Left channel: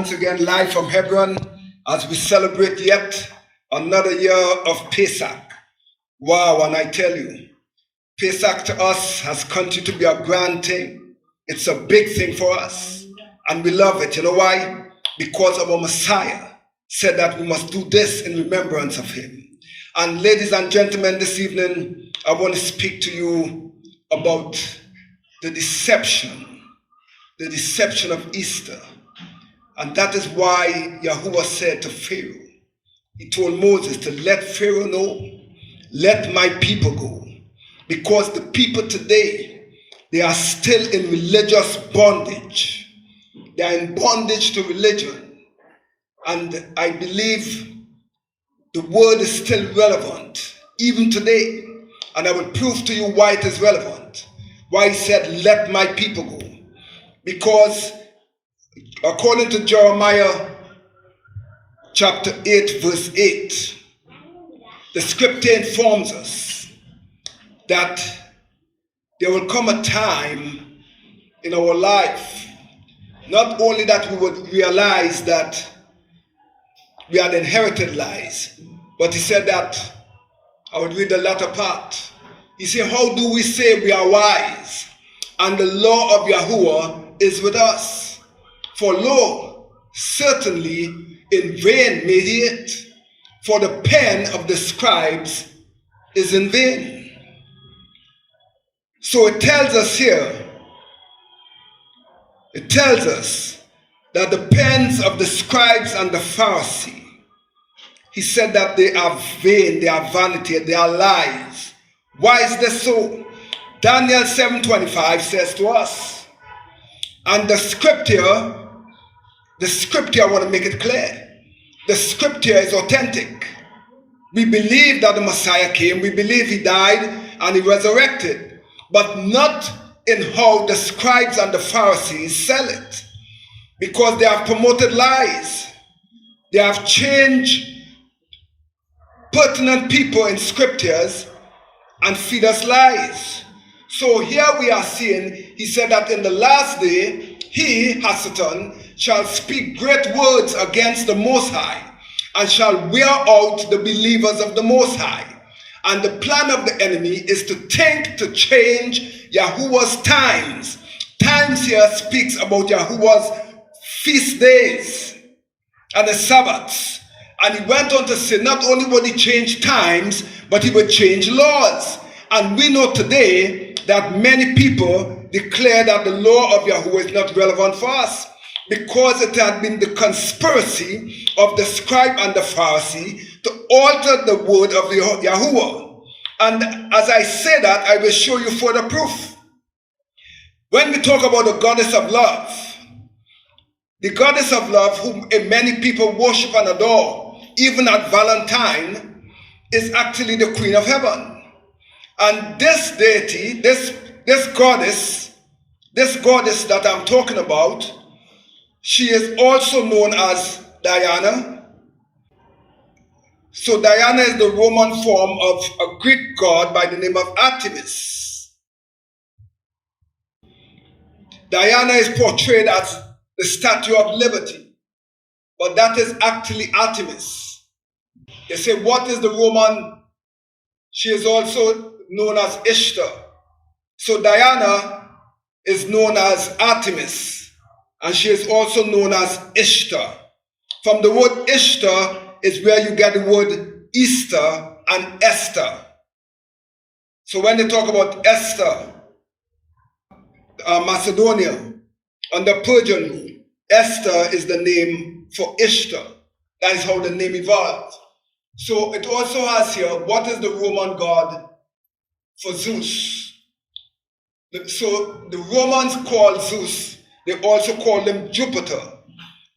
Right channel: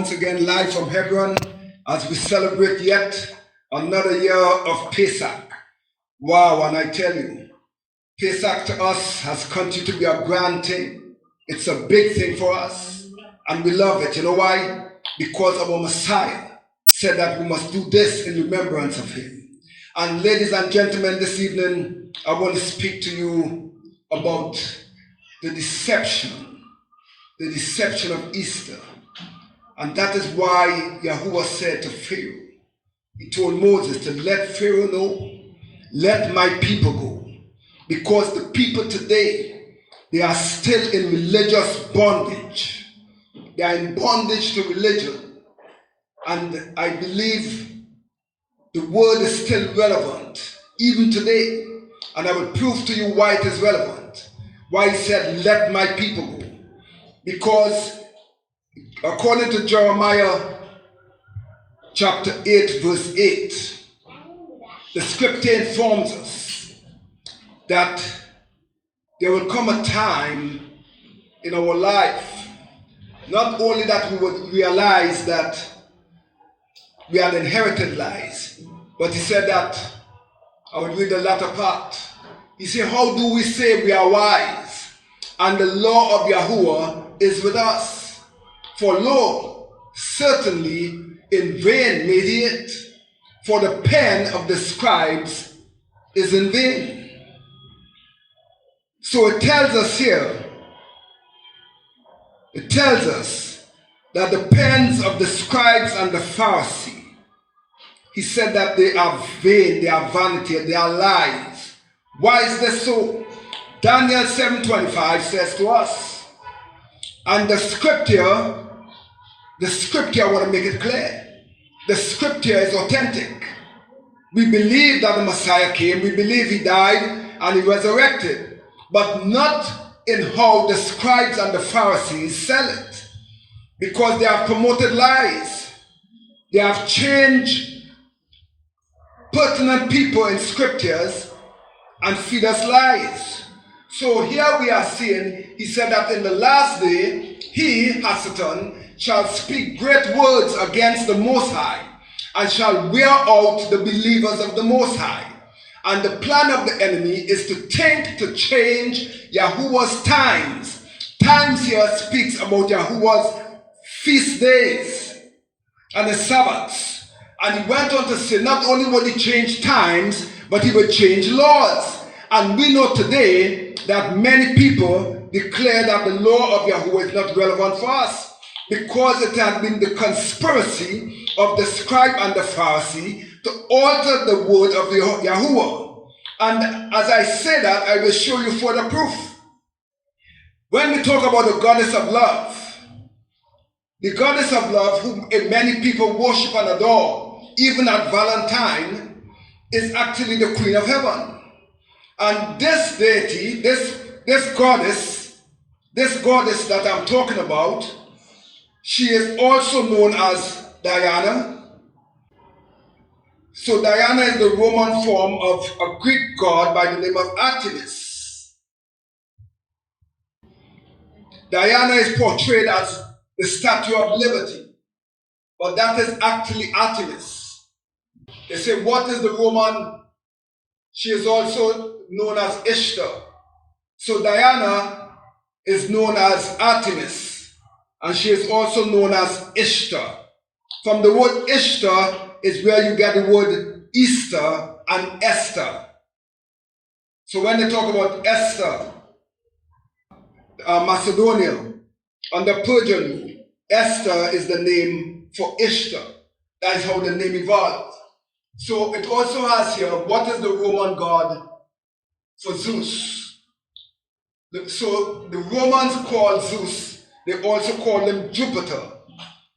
once again live from Hebron as we celebrate yet another year of Pesach. Wow, and I tell you, Pesach to us has continued to be a grand thing. It's a big thing for us, and we love it. You know why? Because our Messiah said that we must do this in remembrance of him. And ladies and gentlemen, this evening, I want to speak to you about the deception of Easter. And that is why Yahuwah said to Pharaoh, he told Moses to let Pharaoh know, let my people go. Because the people today, they are still in religious bondage. They are in bondage to religion. And I believe the word is still relevant, even today. And I will prove to you why it is relevant. Why he said, let my people go. Because according to Jeremiah chapter 8, verse 8, the scripture informs us that there will come a time in our life, not only that we would realize that we had inherited lies, but he said that, I would read the latter part. He said, how do we say we are wise, and the law of Yahuwah is with us? For lo, certainly in vain made he it, for the pen of the scribes is in vain. So it tells us here, it tells us that the pens of the scribes and the Farsi, he said that they are vain, they are vanity, they are lies. Why is this so? Daniel 7:25 says to us, and the scripture, I want to make it clear, the scripture is authentic. We believe that the Messiah came, we believe he died and he resurrected, but not in how the scribes and the Pharisees sell it, because they have promoted lies. They have changed pertinent people in scriptures and feed us lies. So here we are seeing, he said that in the last day, he, Satan, shall speak great words against the Most High, and shall wear out the believers of the Most High. And the plan of the enemy is to think to change Yahuwah's times. Times here speaks about Yahuwah's feast days and the Sabbaths. And he went on to say not only would he change times, but he would change laws. And we know today that many people declare that the law of Yahuwah is not relevant for us, because it had been the conspiracy of the scribe and the Pharisee to alter the word of Yahuwah. And as I say that, I will show you further proof. When we talk about the goddess of love, the goddess of love, whom many people worship and adore, even at Valentine, is actually the Queen of Heaven. And this deity, this goddess that I'm talking about, she is also known as Diana. So Diana is the Roman form of a Greek god by the name of Artemis. Diana is portrayed as the Statue of Liberty, but that is actually Artemis. They say, what is the Roman? She is also known as Ishtar. So Diana is known as Artemis, and she is also known as Ishtar. From the word Ishtar is where you get the word Easter and Esther. So when they talk about Esther, Macedonia, under Persian rule, Esther is the name for Ishtar. That is how the name evolved. So it also has here, what is the Roman god for Zeus? So the Romans call Zeus, they also call him Jupiter.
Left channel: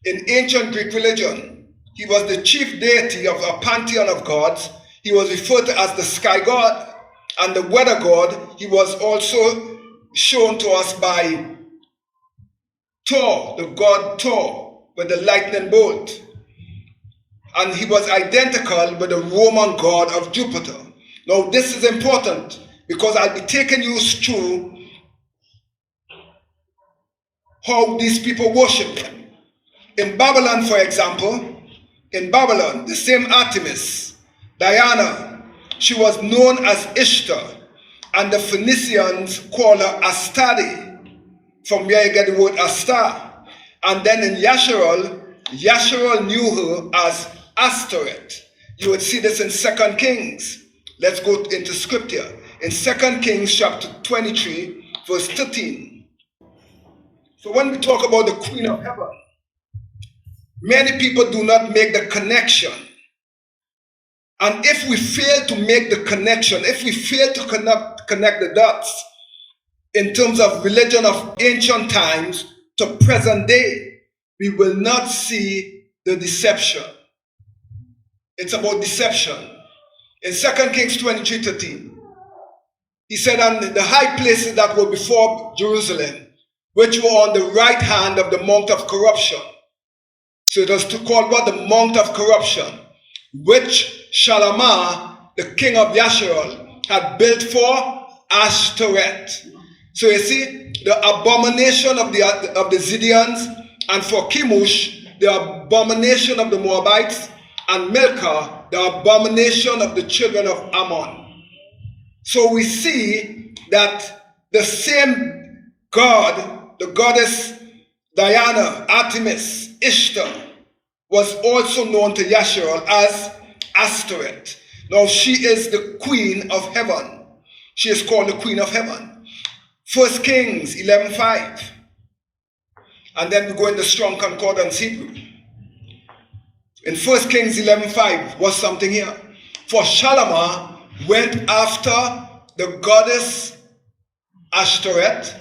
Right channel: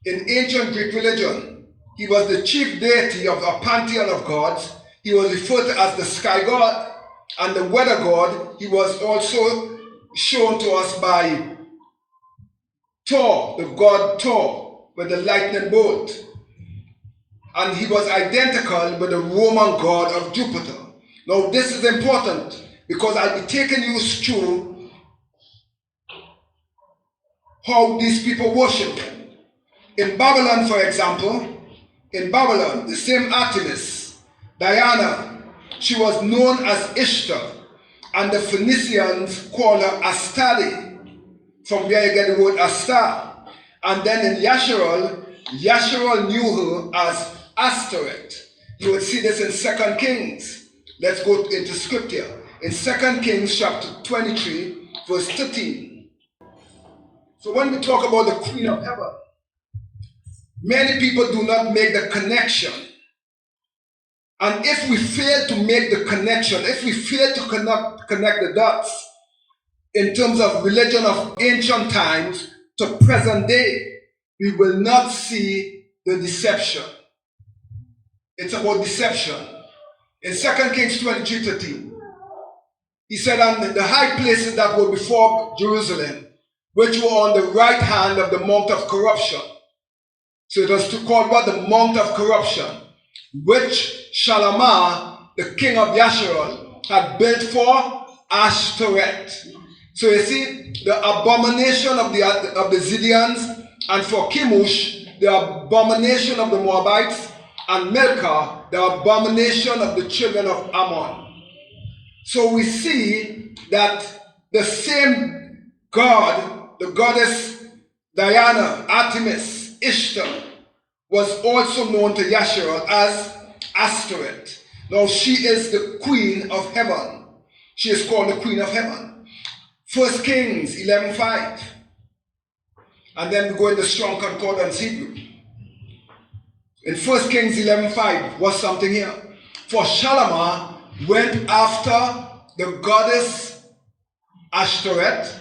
In ancient Greek religion, he was the chief deity of a pantheon of gods. He was referred to as the sky god, and the weather god. He was also shown to us by Thor, the god Thor, with the lightning bolt. And he was identical with the Roman god of Jupiter. Now this is important, because I'll be taking you through how these people worship him. In Babylon, for example, in Babylon, the same Artemis, Diana, she was known as Ishtar, and the Phoenicians call her Astarte, from where you get the word Astar. And then in Yasharal knew her as Astoret. You would see this in 2 Kings. Let's go into scripture. In 2 Kings chapter 23, verse 13. So when we talk about the Queen of Heaven, many people do not make the connection. And if we fail to make the connection, if we fail to connect the dots in terms of religion of ancient times to present day, we will not see the deception. It's about deception. In 2 Kings 23:13, he said, on the high places that were before Jerusalem, which were on the right hand of the Mount of Corruption. So it was called what? The Mount of Corruption, which Shalamah, the king of Yasharal, had built for Ashtoreth. So you see, the abomination of the Zidonians, and for Chemosh, the abomination of the Moabites, and Milcah, the abomination of the children of Ammon. So we see that the same god, the goddess Diana, Artemis, Ishtar, was also known to Yasharal as Astoret. Now she is the Queen of Heaven. She is called the Queen of Heaven. 1 Kings 11:5. And then we go in the Strong Concordance Hebrew. In 1 Kings 11:5 was something here. For Shalamah went after the goddess Ashtoreth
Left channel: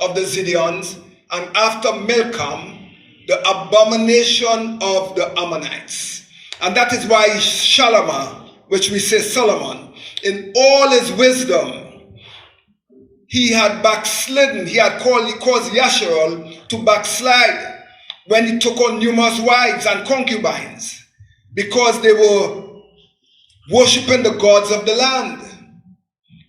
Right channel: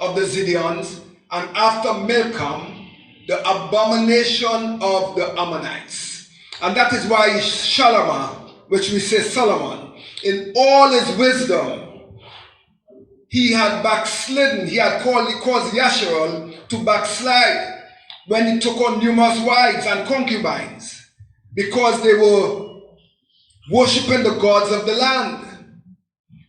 of the Zidonians, and after Milcom, the abomination of the Ammonites. And that is why Shalamah, which we say Solomon, in all his wisdom, he had backslidden. He caused Yasharal to backslide when he took on numerous wives and concubines, because they were worshipping the gods of the land.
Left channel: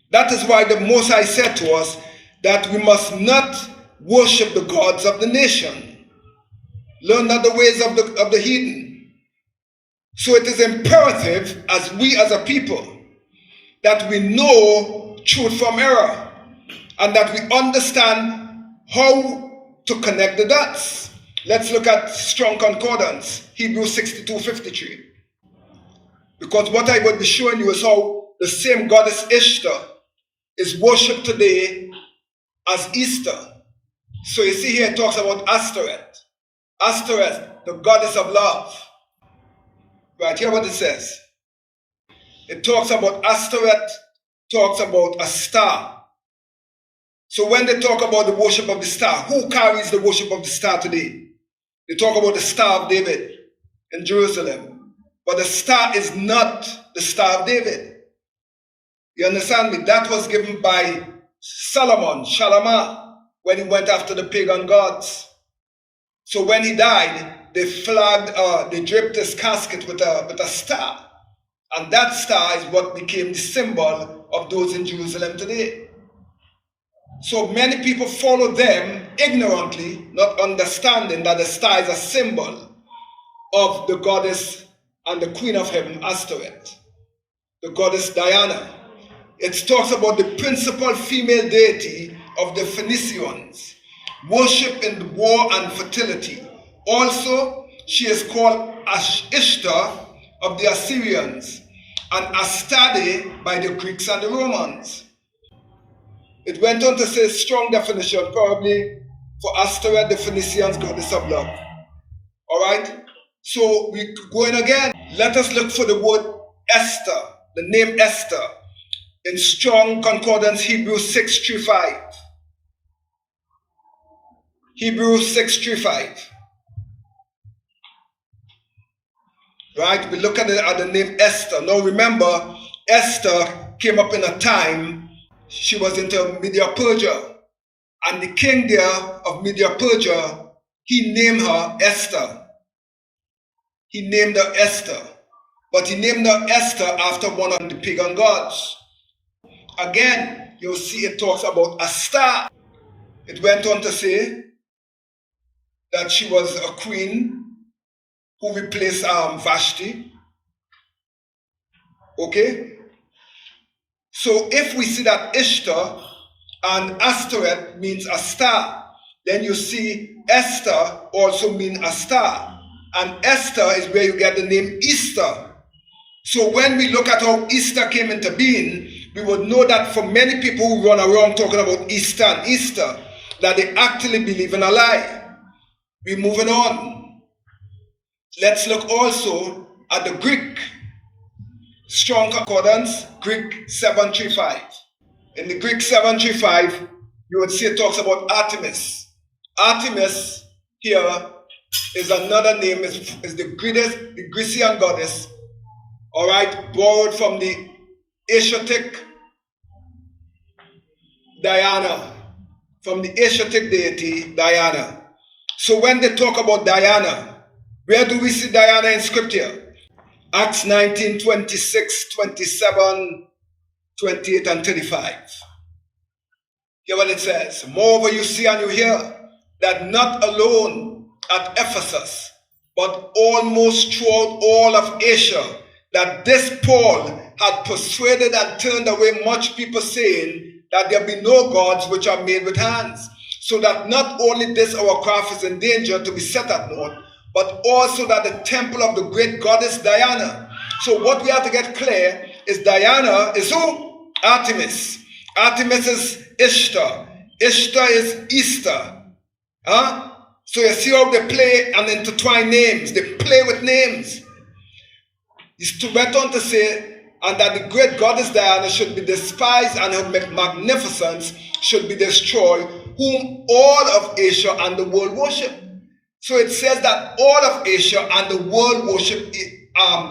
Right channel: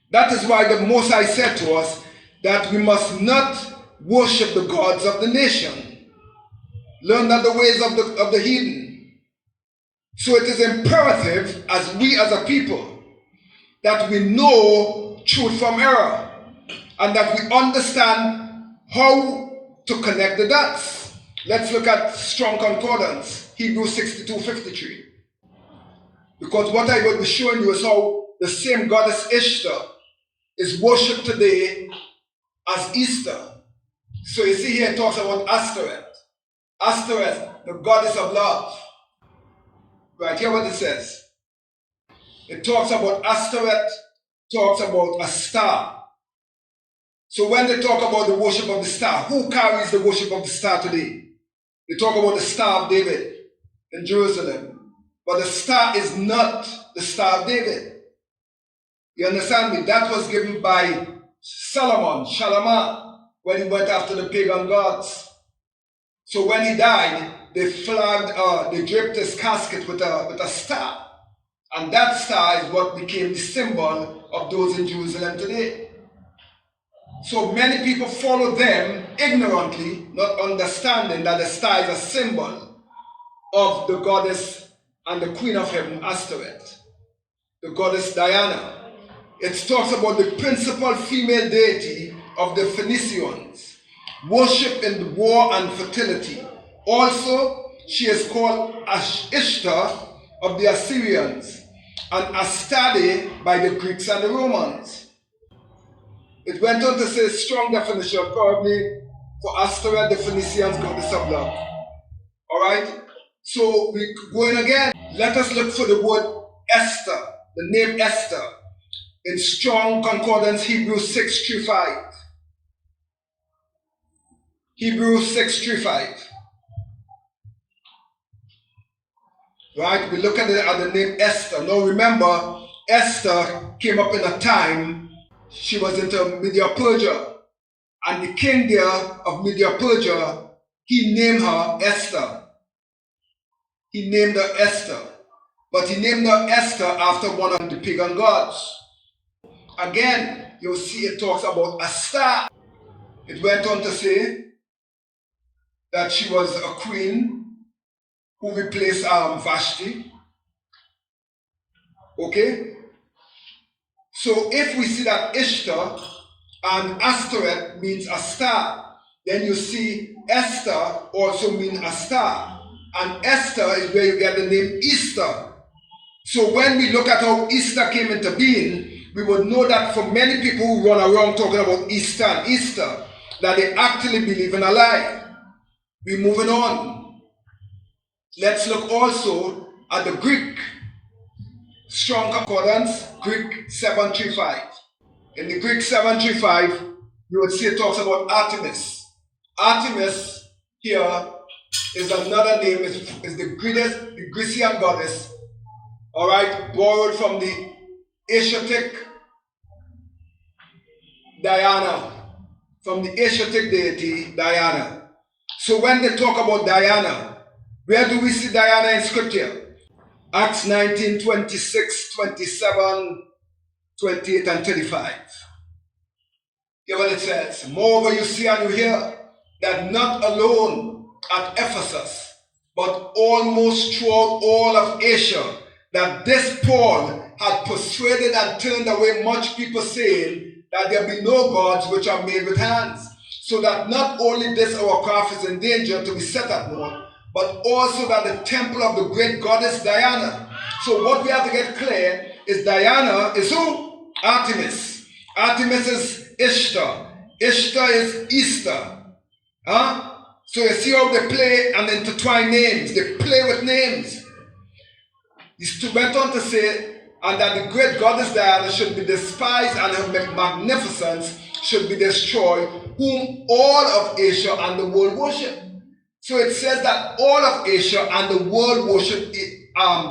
That is why the Most High said to us that we must not worship the gods of the nation. Learn not the ways of the heathen. So it is imperative as a people that we know truth from error, and that we understand how to connect the dots. Let's look at Strong Concordance, Hebrews 62:53. Because what I will be showing you is how the same goddess Ishtar is worshipped today as Easter. So you see here it talks about Astoret. Astoret, the goddess of love. Right, hear what it says. It talks about Astoret, talks about a star. So when they talk about the worship of the star, who carries the worship of the star today? They talk about the Star of David in Jerusalem. But the star is not the Star of David. You understand me? That was given by Solomon, Shalamah, when he went after the pagan gods. So when he died, they draped his casket with a star. And that star is what became the symbol of those in Jerusalem today. So many people follow them ignorantly, not understanding that the star is a symbol of the goddess and the Queen of Heaven, Astoret, the goddess Diana. It talks about the principal female deity of the Phoenicians, worship in war and fertility. Also, she is called Ishtar of the Assyrians and Astarte by the Greeks and the Romans. It went on to say strong definition, probably for Astoret, the Phoenicians, goddess of love. All right? So we're going again. Let us look for the word Esther, the name Esther, in Strong Concordance, Hebrews 6:35. Hebrews 6:35. Right? We're looking at the name Esther. Now remember, Esther came up in a time she was into Media-Persia. And the king there of Media-Persia, he named her Esther. He named her Esther. But he named her Esther after one of the pagan gods. Again, you'll see it talks about a star. It went on to say, that she was a queen who replaced Vashti. Okay? So if we see that Ishtar and Astoret means a star, then you see Esther also means a star. And Esther is where you get the name Easter. So when we look at how Easter came into being, we would know that for many people who run around talking about Easter and Easter, that they actually believe in a lie. We're moving on. Let's look also at the Greek. Strong Concordance, Greek 735. In the Greek 735, you would see it talks about Artemis. Artemis here is another name, is the Grecian goddess, all right, borrowed from the Asiatic Diana, from the Asiatic deity Diana. So when they talk about Diana, where do we see Diana in scripture? Acts 19, 26, 27, 28, and 35. Hear what it says. Moreover, you see and you hear that not alone at Ephesus, but almost throughout all of Asia, that this Paul had persuaded and turned away much people, saying that there be no gods which are made with hands, so that not only this our craft is in danger to be set at naught, but also that the temple of the great goddess Diana. So what we have to get clear is Diana is who? Artemis. Artemis is Ishtar. Ishtar is Easter. Huh? So you see how they play and intertwine names. They play with names. He went on to say, and that the great goddess Diana should be despised and her magnificence should be destroyed, whom all of Asia and the world worship. So it says that all of Asia and the world worship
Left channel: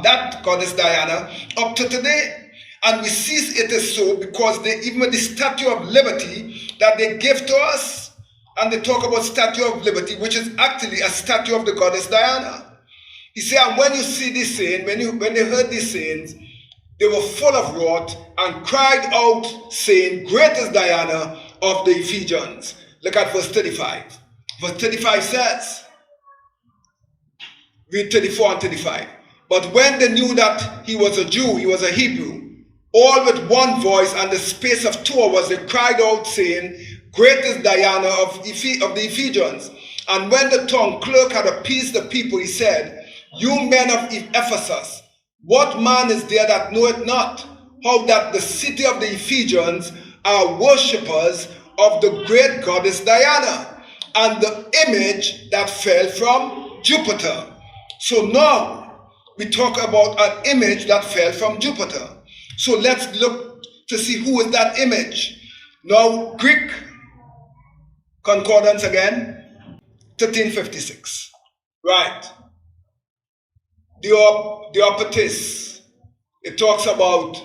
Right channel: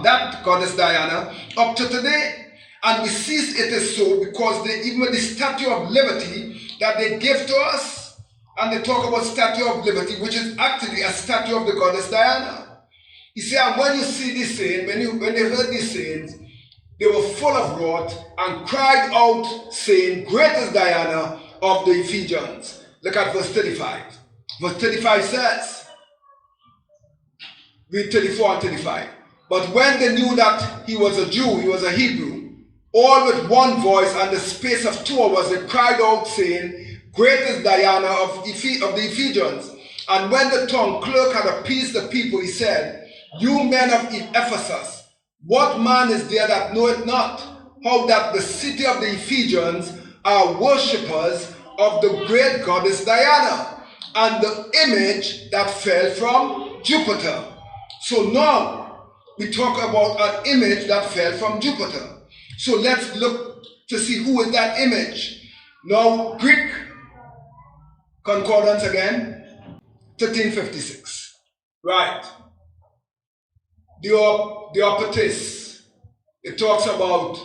that goddess Diana up to today. And we see it is so because even the Statue of Liberty that they give to us, and they talk about Statue of Liberty, which is actually a statue of the goddess Diana. He said, and when you see this saying, when they heard these sayings, they were full of wrath and cried out, saying, Great is Diana of the Ephesians. Look at verse 35. Verse 35 says, read 34 and 35. But when they knew that he was a Jew, he was a Hebrew, all with one voice and the space of 2 hours, they cried out, saying, Great is Diana of the Ephesians. And when the tongue clerk had appeased the people, he said, You men of Ephesus, what man is there that knoweth not how that the city of the Ephesians are worshippers of the great goddess Diana, and the image that fell from Jupiter? So now we talk about an image that fell from Jupiter. So let's look to see who is that image. Now, Greek Concordance again, 1356. Right. The Operatis, it talks about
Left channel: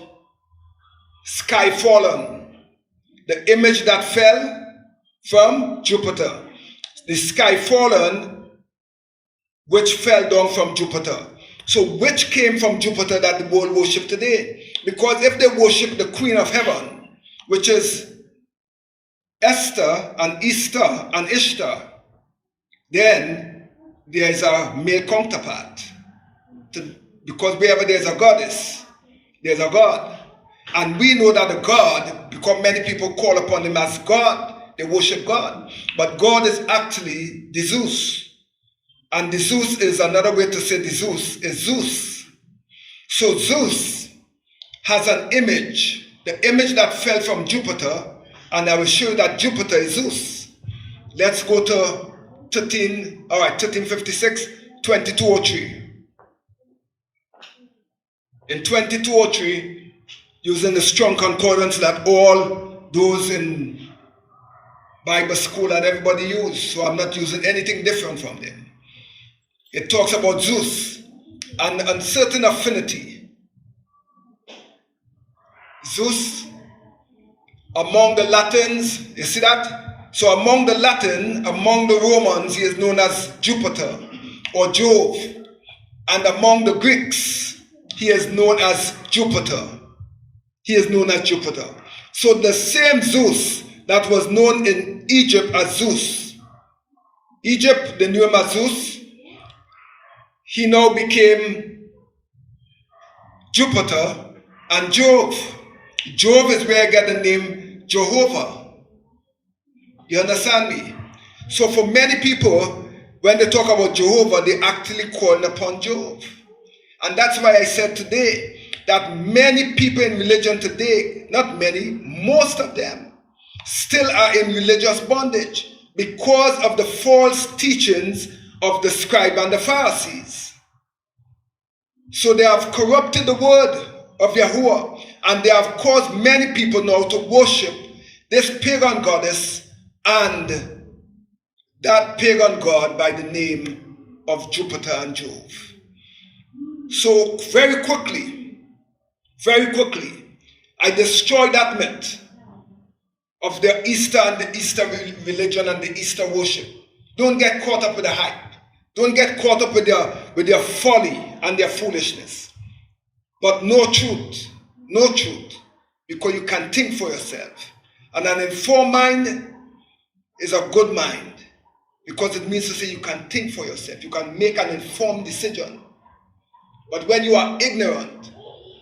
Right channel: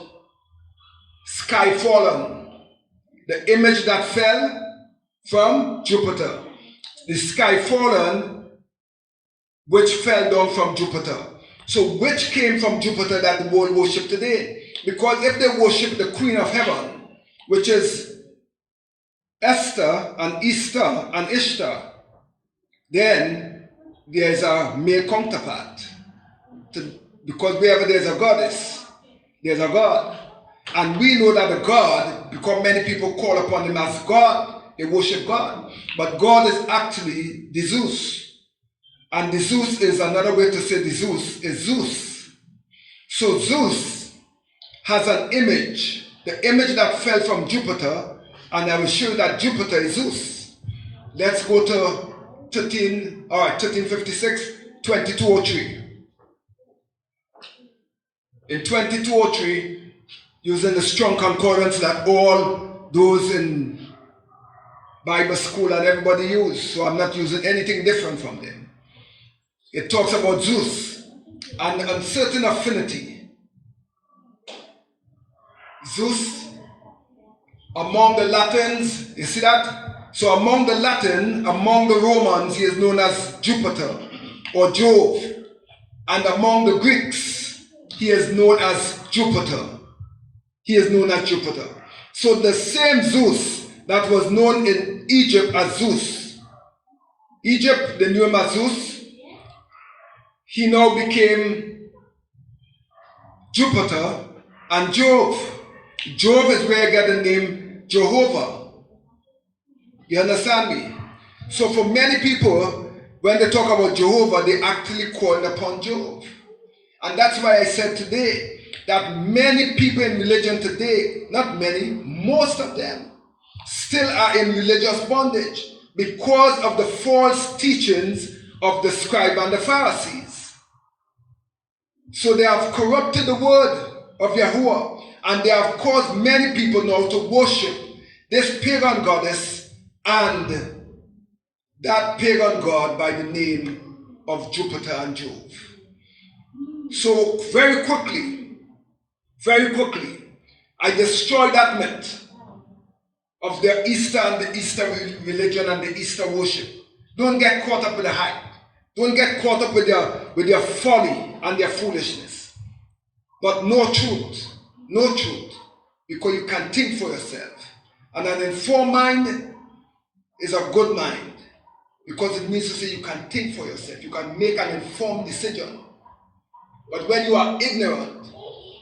sky fallen, the image that fell from Jupiter. The sky fallen, which fell down from Jupiter. So which came from Jupiter that the world worship today? Because if they worship the Queen of Heaven, which is Esther and Easter and Ishtar, then there is a male counterpart. Because wherever there is a goddess, there is a god. And we know that the God, because many people call upon him as God, they worship God. But God is actually the Zeus. And the Zeus is another way to say the Zeus is Zeus. So Zeus has an image, the image that fell from Jupiter, and I will show you that Jupiter is Zeus. Let's go to 1356, 2203. In 2203, using the strong concordance that all those in Bible school and everybody use, so I'm not using anything different from them. It talks about Zeus and an uncertain affinity. Zeus, among the Latins, you see that? So among the Romans, he is known as Jupiter or Jove. And among the Greeks, he is known as Jupiter. He is known as Jupiter. So the same Zeus that was known in Egypt as Zeus, Egypt, they knew him as Zeus. He now became Jupiter and Jove. Jove is where I get the name Jehovah. You understand me? So for many people, when they talk about Jehovah, they actually call upon Jove. And that's why I said today that many people in religion today, not many, most of them, still are in religious bondage because of the false teachings of the Scribes and the Pharisees. So they have corrupted the word of Yahuwah, and they have caused many people now to worship this pagan goddess and that pagan god by the name of Jupiter and Jove. So very quickly, I destroyed that myth of the Easter and the Easter religion and the Easter worship. Don't get caught up with the hype. Don't get caught up with their folly and their foolishness. But no truth, because you can think for yourself. And an informed mind is a good mind, because it means to say you can think for yourself. You can make an informed decision. But when you are ignorant,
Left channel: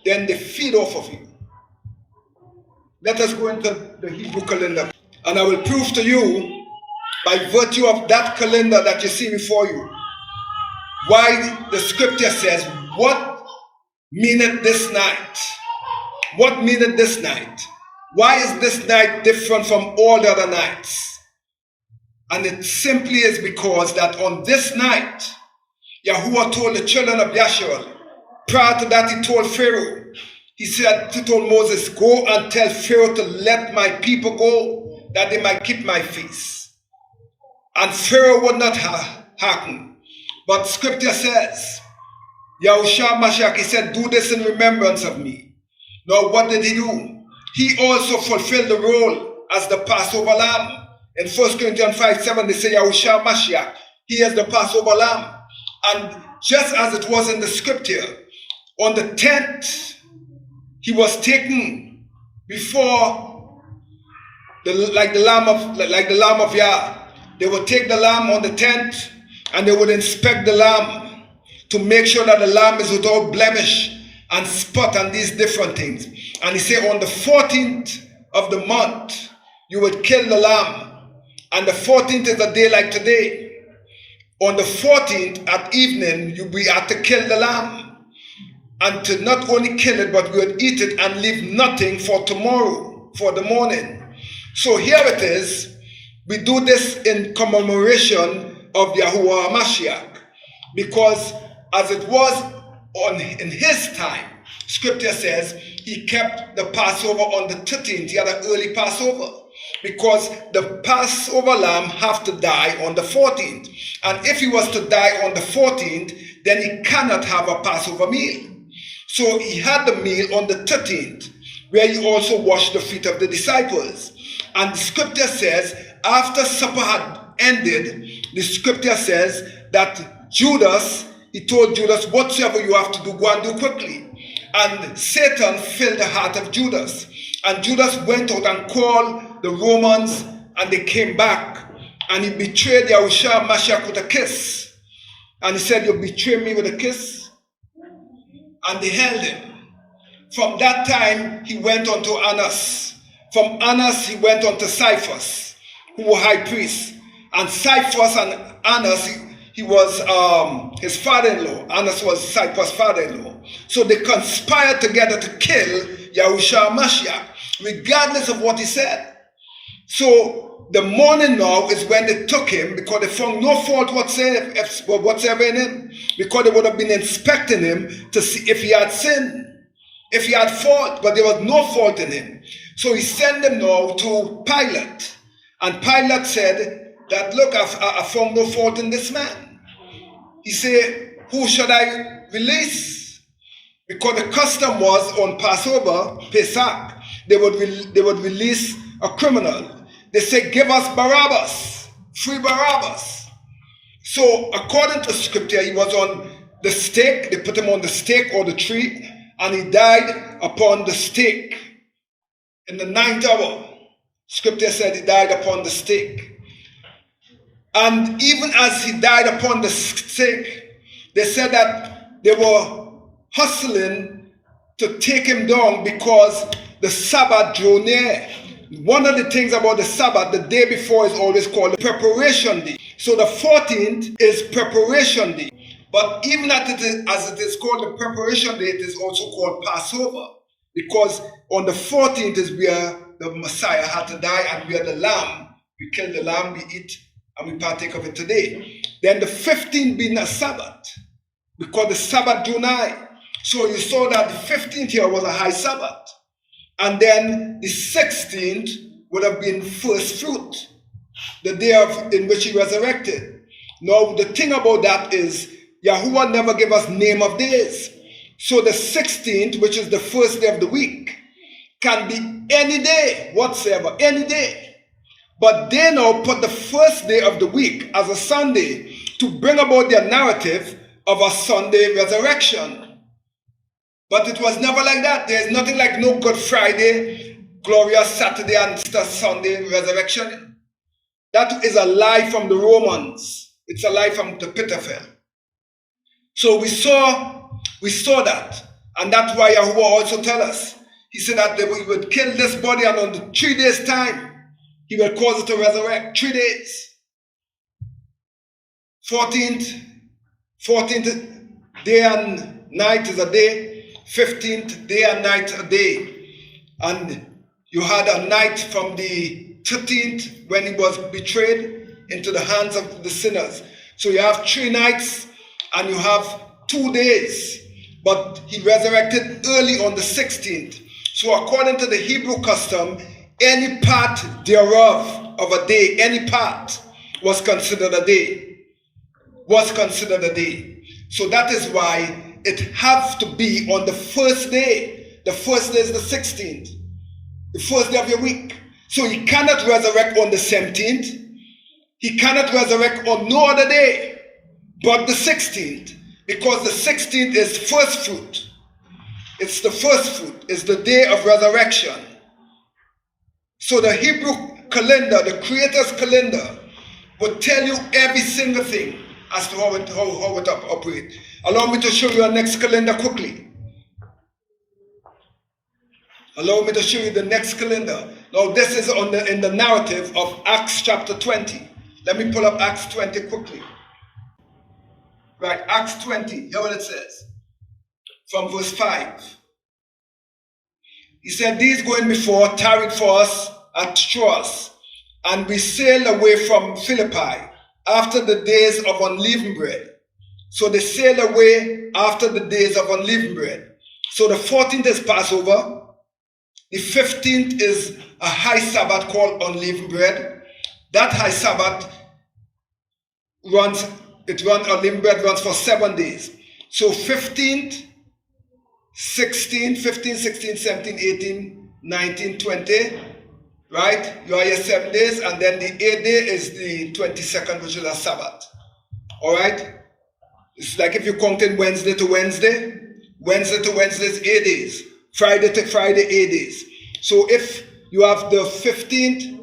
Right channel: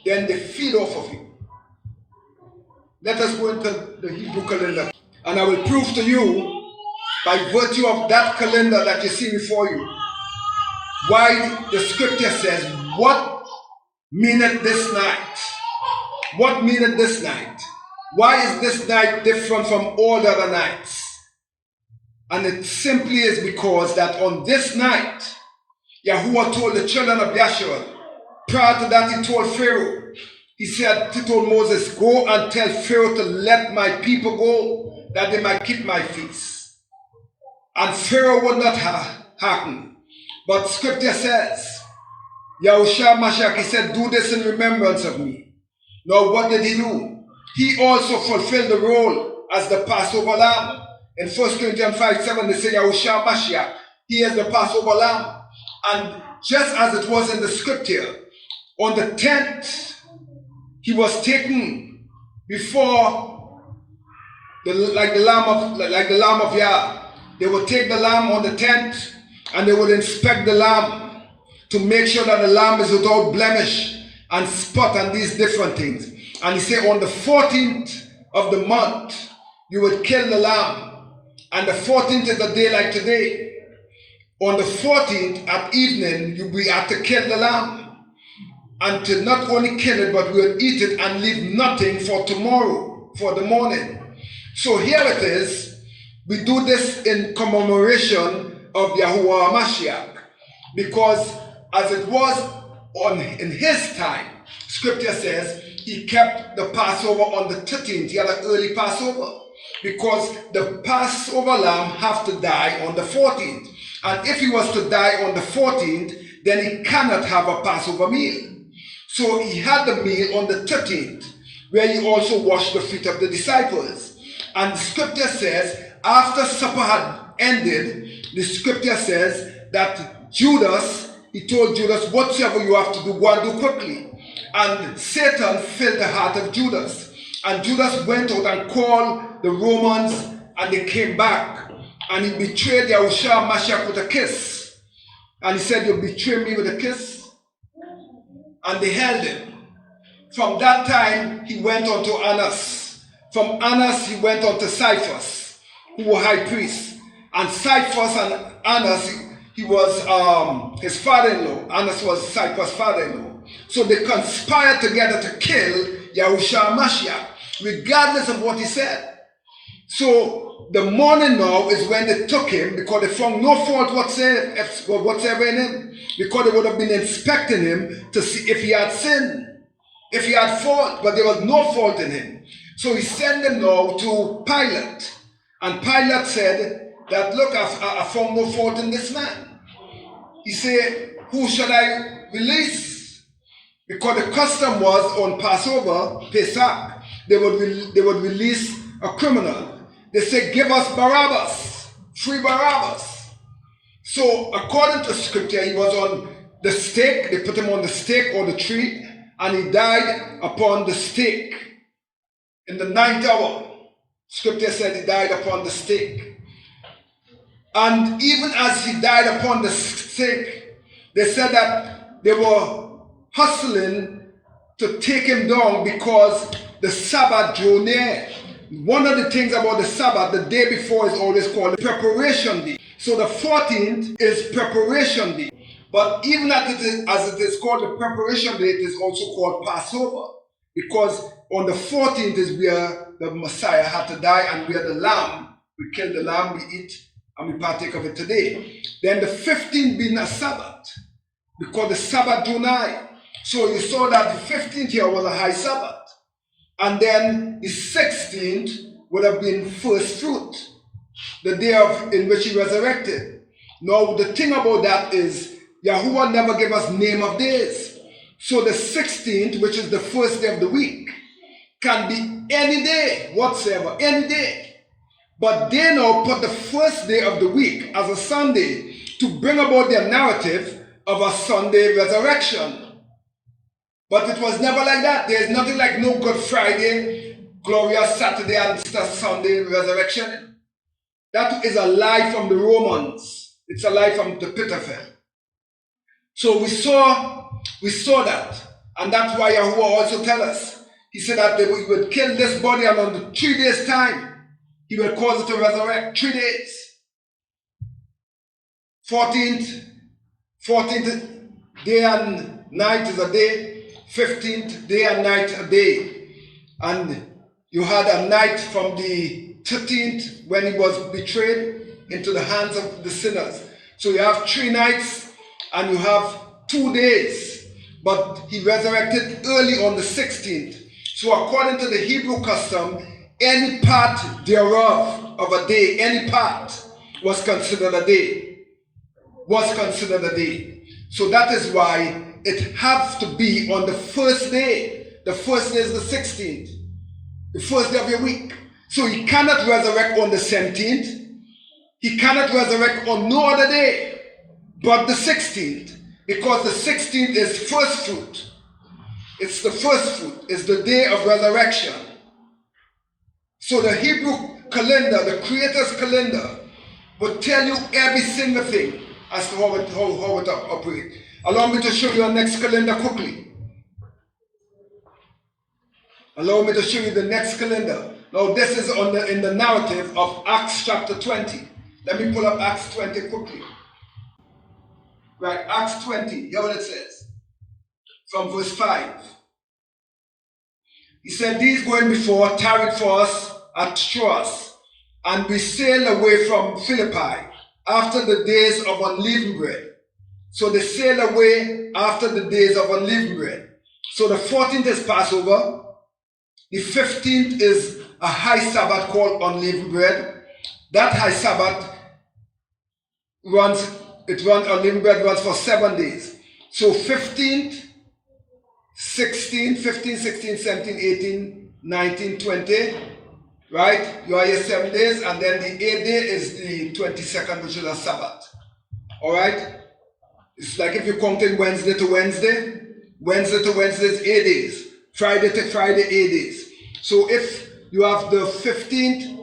then they feed off of you. Let us go into the Hebrew calendar. And I will prove to you, by virtue of that calendar that you see before you, why the scripture says, what meaneth this night? What meaneth this night? Why is this night different from all the other nights? And it simply is because that on this night, Yahuwah told the children of Yashua. Prior to that, he told Pharaoh. He told Moses, go and tell Pharaoh to let my people go, that they might keep my feast. And Pharaoh would not hearken. But scripture says, Yahushua Mashiach, he said, do this in remembrance of me. Now what did he do? He also fulfilled the role as the Passover lamb. In 1 Corinthians 5:7, they say Yahushua Mashiach, he is the Passover lamb. And just as it was in the scripture, on the 10th, he was taken before like the lamb of Yah. They would take the lamb on the 10th, and they would inspect the lamb to make sure that the lamb is without blemish and spot and these different things. And he said on the 14th of the month, you would kill the lamb. And the 14th is a day like today. On the 14th at evening, you had to kill the lamb. And to not only kill it, but we would eat it and leave nothing for tomorrow, for the morning. So here it is. We do this in commemoration of Yahuwah Mashiach. Because as it was in his time, scripture says he kept the Passover on the 13th. He had an early Passover. Because the Passover lamb have to die on the 14th. And if he was to die on the 14th, then he cannot have a Passover meal. So he had the meal on the 13th, where he also washed the feet of the disciples. And the scripture says, after supper had ended, the scripture says that Judas, he told Judas, whatsoever you have to do, go and do quickly. And Satan filled the heart of Judas. And Judas went out and called the Romans, and they came back. And he betrayed Yahushua Mashiach with a kiss. And he said, you betray me with a kiss? And they held him. From that time, he went on to Annas. From Annas, he went on to Caiaphas, who were high priests. And Caiaphas and Annas, he was his father-in-law. Annas was Caiaphas' father-in-law. So they conspired together to kill Yahushua Mashiach, regardless of what he said. So the morning now is when they took him, because they found no fault whatsoever in him, because they would have been inspecting him to see if he had sinned, if he had fault, but there was no fault in him. So he sent him now to Pilate, and Pilate said that, look, I found no fault in this man. He said, who should I release? Because the custom was on Passover, Pesach, they would release a criminal. They say, give us Barabbas, free Barabbas. So according to scripture, he was on the stake. They put him on the stake or the tree, and he died upon the stake. In the 9th hour, scripture said he died upon the stake. And even as he died upon the stake, they said that they were hustling to take him down because the Sabbath drew near. One of the things about the Sabbath, the day before is always called the preparation day. So the 14th is preparation day. But even as it is called the preparation day, it is also called Passover. Because on the 14th is where the Messiah had to die, and where the lamb, we kill the lamb, we eat, and we partake of it today. Then the 15th being a Sabbath, because the Sabbath drew nigh. So you saw that the 15th here was a high Sabbath. And then the 16th would have been first fruit, the day in which he resurrected. Now, the thing about that is, Yahuwah never gave us name of days. So the 16th, which is the first day of the week, can be any day whatsoever, any day. But they now put the first day of the week as a Sunday to bring about their narrative of a Sunday resurrection. But it was never like that. There is nothing like no Good Friday, glorious Saturday, and Easter Sunday resurrection. That is a lie from the Romans. It's a lie from the pit of hell. So we saw that. And that's why Yahuwah also tell us. He said that he would kill this body, and on the 3 days' time, he will cause it to resurrect. 3 days. 14th day and night is a day. 15th day and night a day. And you had a night from the 13th when he was betrayed into the hands of the sinners. So you have 3 nights and you have 2 days. But he resurrected early on the 16th. So according to the Hebrew custom, any part thereof of a day, any part was considered a day. So that is why it has to be on the first day. The first day is the 16th. The first day of your week. So he cannot resurrect on the 17th. He cannot resurrect on no other day but the 16th. Because the 16th is first fruit. It's the first fruit. It's the day of resurrection. So the Hebrew calendar, the Creator's calendar, will tell you every single thing as to how it operates. Allow me to show you our next calendar quickly. Allow me to show you the next calendar. Now this is in the narrative of Acts chapter 20. Let me pull up Acts 20 quickly. Right, Acts 20, hear what it says. From verse 5. He said, these going before tarried for us at Troas, and we sailed away from Philippi after the days of unleavened bread. So they sailed away after the days of unleavened bread. So the 14th is Passover. The 15th is a high Sabbath called unleavened bread. That high Sabbath unleavened bread runs for 7 days. So 15th, 16th, 15, 16, 17, 18, 19, 20, right? You are here 7 days, and then the 8th day is the 22nd, which is a Sabbath. All right? It's like if you count in Wednesday to Wednesday. Wednesday to Wednesday is 8 days. Friday to Friday, 8 days. So if you have the 15th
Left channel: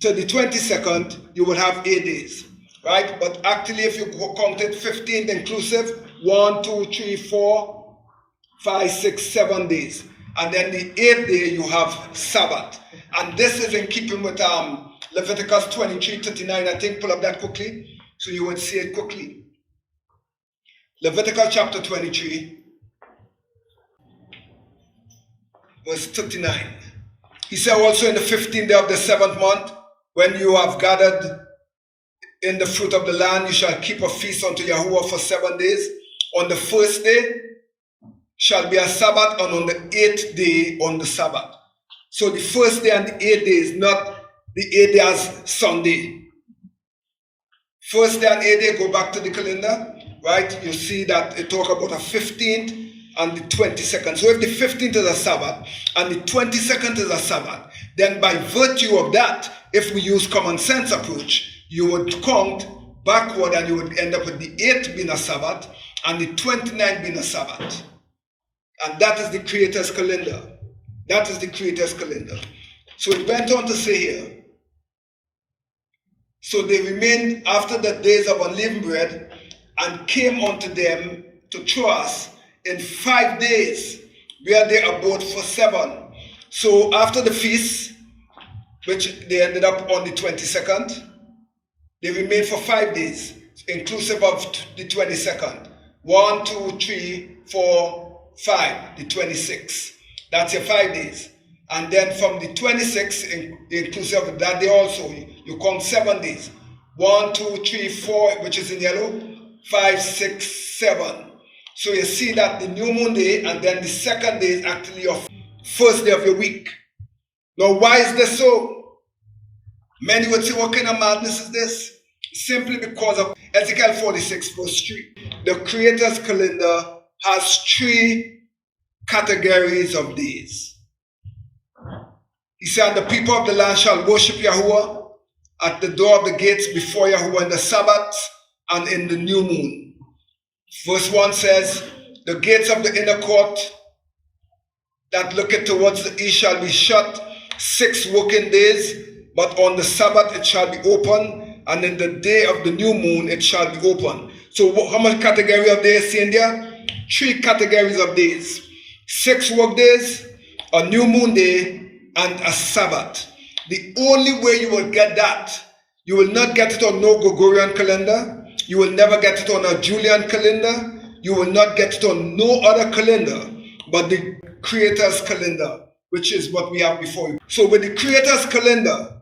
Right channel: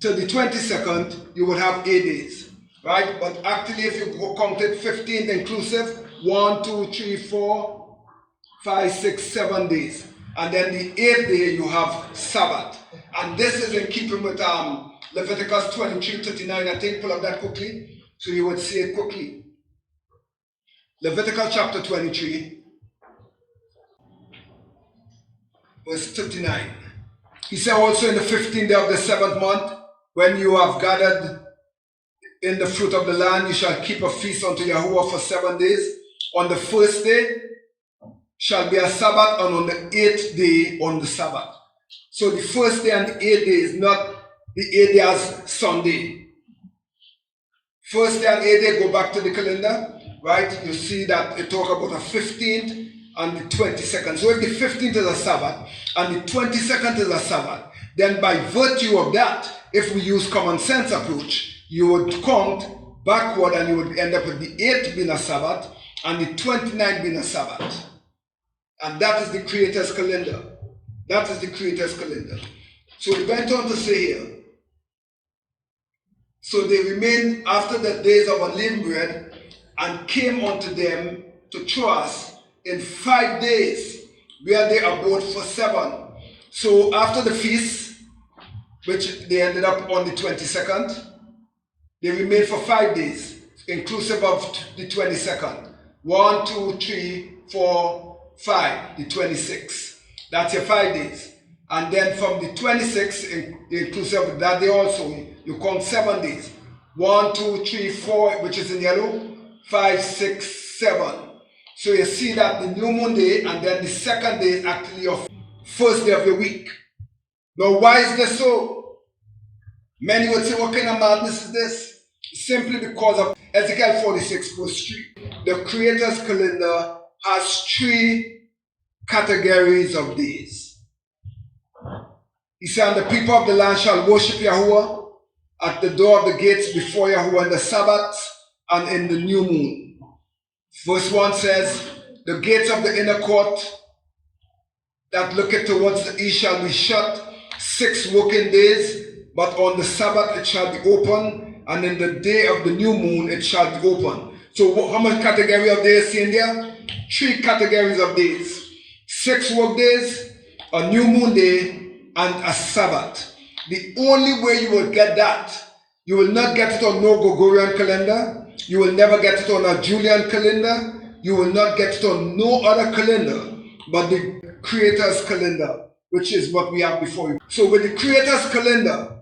to the 22nd, you will have 8 days. Right? But actually, if you count it 15th inclusive, 1, 2, 3, 4, 5, 6, 7 days. And then the 8th day, you have Sabbath. And this is in keeping with Leviticus 23, 39. I think pull up that quickly so you would see it quickly. Leviticus chapter 23, verse 39. He said also in the 15th day of the 7th month, when you have gathered in the fruit of the land, you shall keep a feast unto Yahuwah for 7 days. On the first day shall be a Sabbath, and on the 8th day on the Sabbath. So the first day and the 8th day is not the 8th day as Sunday. First day and 8th day, go back to the calendar, right? You see that it talk about the 15th and the 22nd. So if the 15th is a Sabbath and the 22nd is a Sabbath, then by virtue of that, if we use common sense approach, you would count backward and you would end up with the 8th being a Sabbath and the 29th being a Sabbath. And that is the Creator's calendar. That is the Creator's calendar. So it went on to say here, So they remained after the days of unleavened bread and came unto them to Troas in 5 days, where they abode for 7. So after the feast, which they ended up on the 22nd, they remained for 5 days, inclusive of the 22nd. 1, 2, 3, 4, 5, the 26th. That's your 5 days. And then from the 26th, inclusive of that day also, you count 7 days. 1, 2, 3, 4, which is in yellow, 5, 6, 7. So you see that the new moon day and then the second day is actually your first day of your week. Now, why is this so? Many would say, what kind of madness is this? Simply because of Ezekiel 46, verse 3. The Creator's calendar has 3 categories of days. He said, and the people of the land shall worship Yahweh at the door of the gates before Yahweh in the Sabbath and in the new moon. Verse 1 says, the gates of the inner court that looketh towards the east shall be shut 6 working days, but on the Sabbath it shall be open, and in the day of the new moon it shall be open. So how much category of days in there? 3 categories of days. 6 work days, a new moon day, and a Sabbath. The only way you will get that, you will not get it on no Gregorian calendar, you will never get it on a Julian calendar, you will not get it on no other calendar but the Creator's calendar, which is what we have before you. So with the Creator's calendar,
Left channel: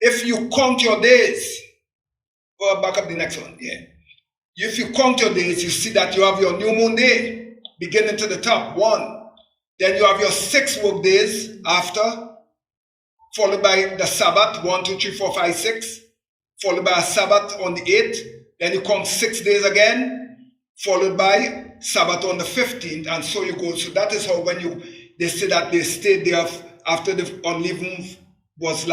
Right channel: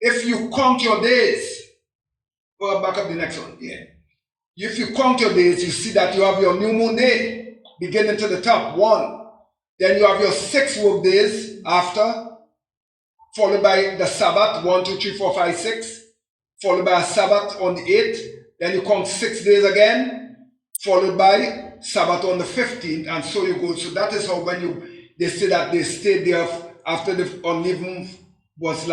if you count your days, or back up the next one, yeah. If you count your days, you see that you have your new moon day, beginning to the top, 1. Then you have your 6 work days after, followed by the Sabbath, 1, 2, 3, 4, 5, 6, followed by a Sabbath on the 8th. Then you count 6 days again, followed by Sabbath on the 15th, and so you go. So that is how when they say that they stayed there after the unleavened was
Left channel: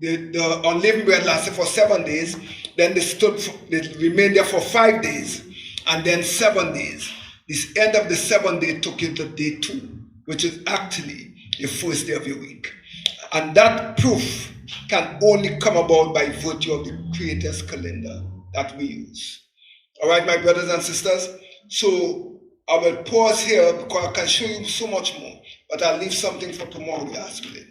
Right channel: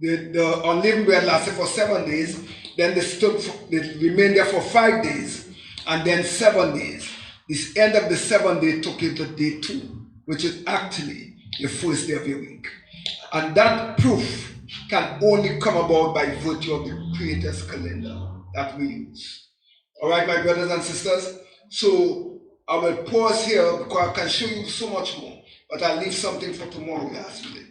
the unleavened bread lasted for 7 days, then they remained there for 5 days, and then 7 days. This end of the 7th day took you to day 2, which is actually the first day of your week. And that proof can only come about by virtue of the Creator's calendar that we use. All right, my brothers and sisters. So I will pause here because I can show you so much more, but I'll leave something for tomorrow, last minute.